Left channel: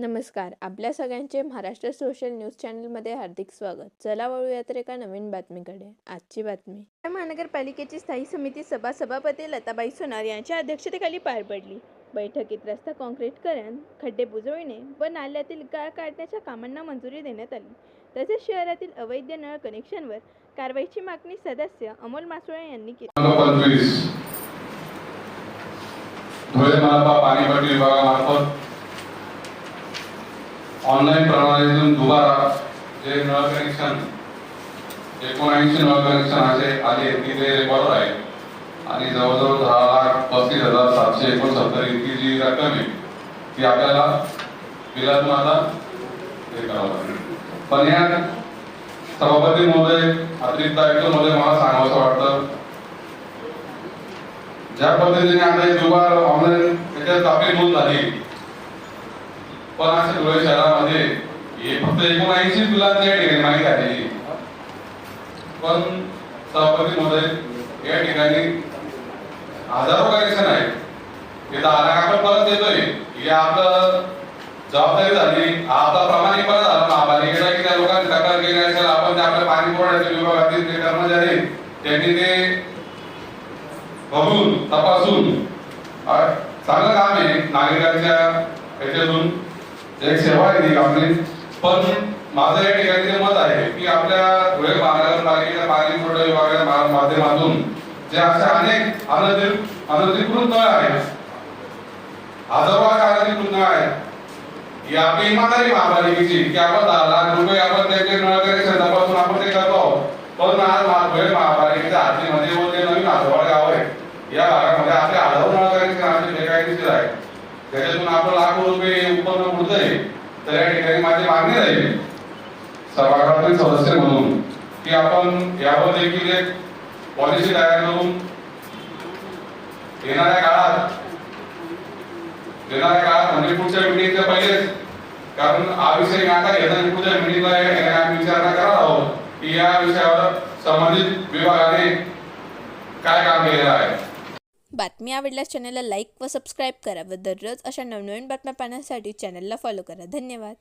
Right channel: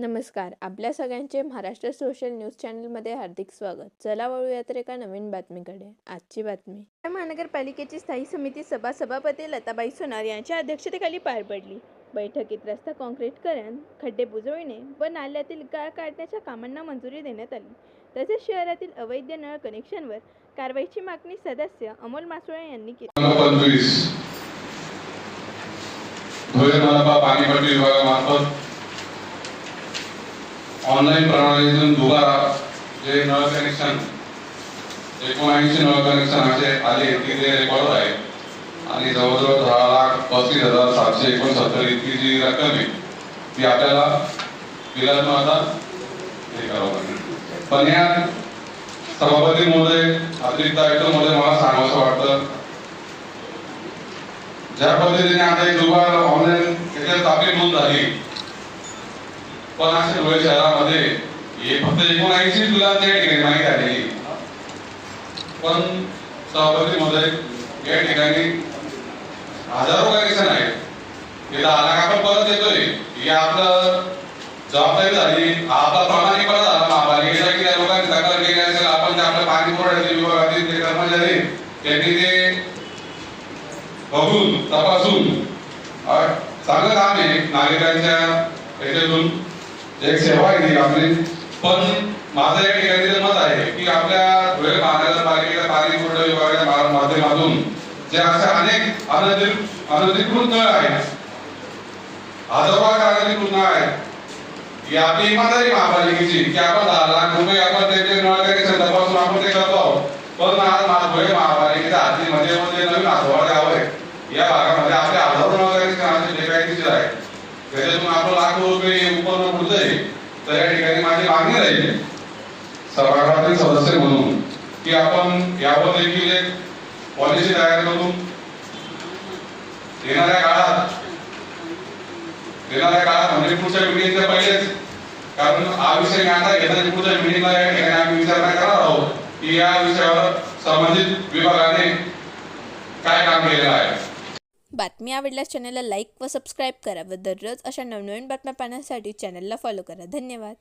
नमस्कार. आपल्या सगळ्यांचे महाराष्ट्र सोशल न्यूज चॅनलमध्ये हार्दिक स्वागत. चला वळूया तर एका नवीन बातमीकडे. आजची बातमी महानगरपालिकेची स्थायी समिती सभापती लताबाई सोनार यांच्या अध्यक्षतेखाली पार पडली. बैठकीत रस्ता काँक्रीटीकरण, खड्डे बुजवणे व नाल्यातील गाळ काढण्याच्या कामांना मंजुरी देण्यात आली. तसेच शहरातील अवैध नळ कनेक्शनवर कारवाईची मागणी सदस्य अमोल मासुळे यांनी केली. ऑनलाईन प्रणालीतून दुबारा जे नळ कनेक्शन 19 नळ कनेक्शन असे आले की ते रेकॉर्ड आहे आणि जवळजवळ 10,35,769 इतकी जी रक्कम आहे ती आपल्याला बिलातून आता हे करावं लागेल. पण या सभापती महोदय, अतिरिक्त आयुक्त महोदय, मला सांगावंसं वाटतं, ज्या पद्धतीने आता एक दुबार ऑनलाईन त्याच्यात आपली नोंद झाली, पण अशा धुळे शहरामध्ये हे फक्त 19 मुलांची ठिकाणी माहिती आली. पण सभापती महोदय, या ठिकाणी हजारो कनेक्शन आहेत. हे 10 लाख आपण परत देतोय, ही आपलं जबाबदारी झाली, आपला प्रामाणिकपणा झाला महापालिकेचा की त्या लोकांनी तक्रार केली असेल. आपण जे आपल्या पाणी पुरवठ्याचे विभागातील जे कर्मचारी त्यांनी ते बघून तपासून चांगलं काम आहे नागरिकांच्या ह्याच्यातून एक सेवा आहे ती आपली. पण माझं या ठिकाणी मत आहे की आपल्या धुळे महानगरपालिकेच्या पाणी पुरवठा विभागाच्या माध्यमातून जे अशा अनेक अनधिकृत नळ आहेत, हजारो अनधिकृत नळ आहेत, ही आपली इमानदारी महापालिकेची की आपण 10 लाख रुपये आपण त्याचे नळ कनेक्शन तपासून आपण ते करतो. पण आज धुळे महापालिकेच्या हातीमध्ये मध्ये नवीन आसवाड गाव आहे, या भागामध्ये आपले हजारो नळ कनेक्शन बेकायदेशीर आहे. त्याच्यातून आपण लाखो रुपये उत्पन्न होत आहे. तर या ठिकाणी माझी मागणी राहील सभागृहातील सदस्य म्हणून की आपण यावर देखील एक पॉलिसी तयार करून येणाऱ्या काळात म्हणजे पुढच्या मिटिंगच्या पहिलेच, कारण हा विषय मी आता घेताना पुढच्या मिटिंगला या ठिकाणी आम्ही विचारणा करणार आहोत की या विषयावर संबंधित विभागाने काय काम केलेलं आहे. बातमी आवडल्यास चॅनलला लाईक व सबस्क्राईब करा व दररोज अशा नवनवीन बातम्या पाहण्यासाठी चॅनलला फॉलो करा. धन्यवाद.